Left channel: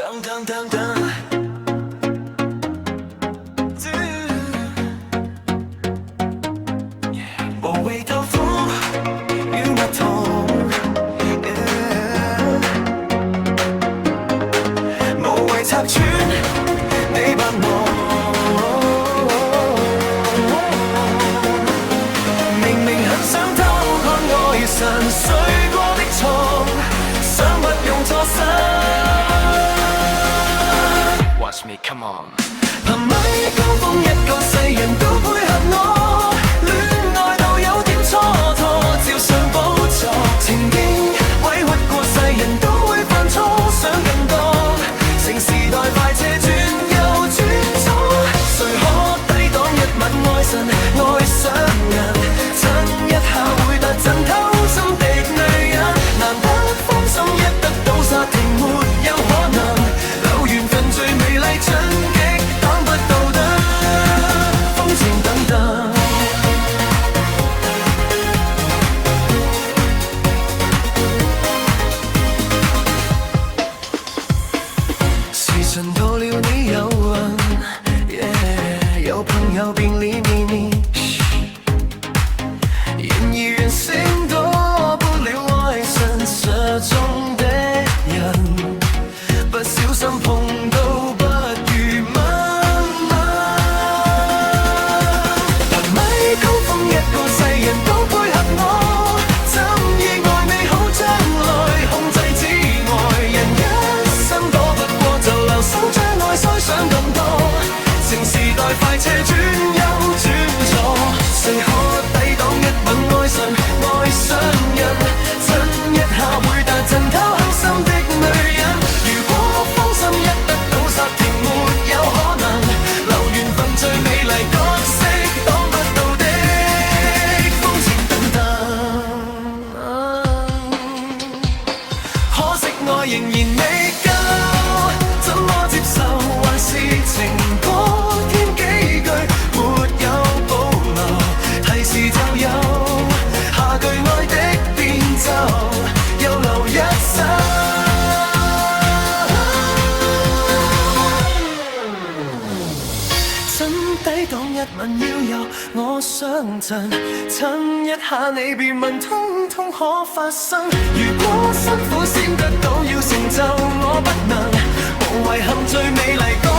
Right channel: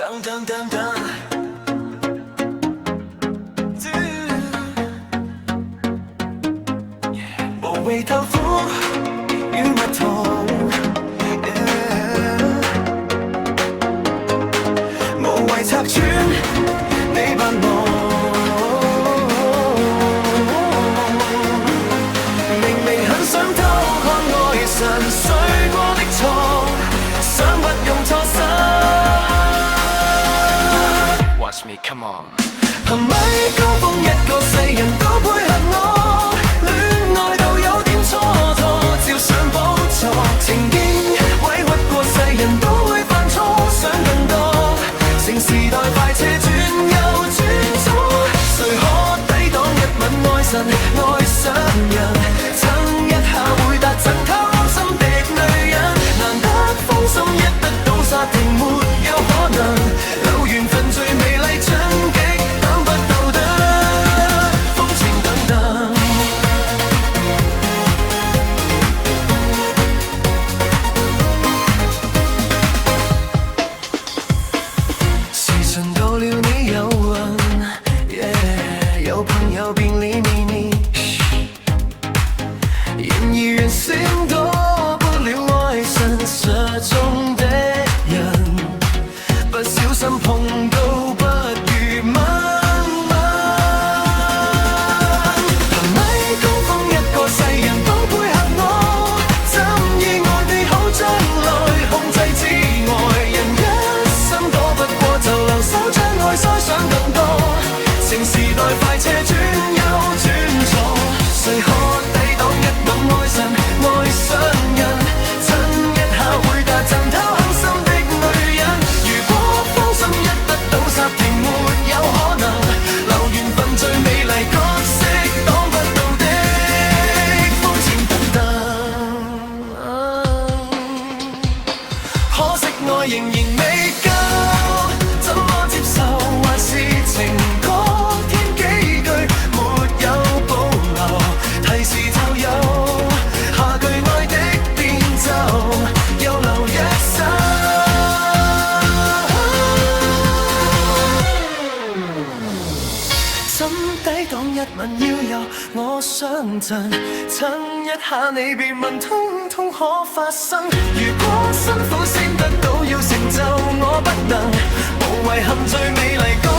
等等等等，無謂偷歡與蜜糖，無謂拆穿你扮忙，明明很想偷看愛神睡過的床，想不用錯失。Watch me, come on。憑米高峰一個世人都配合我，戀愛到有點蹉跎，照想補錯。情經委屈過世人都會犯錯，想更多。乘時代快車轉右轉左，誰可抵擋一吻愛神愛上人？親一下會達陣偷心的女人，難得芳心一得到煞停，沒有可能留緣分最美麗進擊，擋不到的風情等等。時辰到了你有運，有朋友便理秘密，然而人性躲不了愛神射中的人，不小心碰到不如吻吻。憑米高峰一個世人都配合我，怎意外美好將來控制之外，人一生躲不過就留守將愛腮想更多。乘時代快車轉右轉左，誰可抵擋一吻愛神愛上人？親一下會達陣偷狠心的女人，如果芳心一得到煞停，沒有可能留緣分最美麗角色，擋不到的風情等等。可惜愛仍然未夠，怎麼接受？還是情歌添幾句，沒有保留，提示就有下句愛的變奏，又留一首。怎抵擋一吻要由我上陣？親一下你別問，通通可發生。如果辛苦先得到，要成就我不能，無遺憾最美麗歌。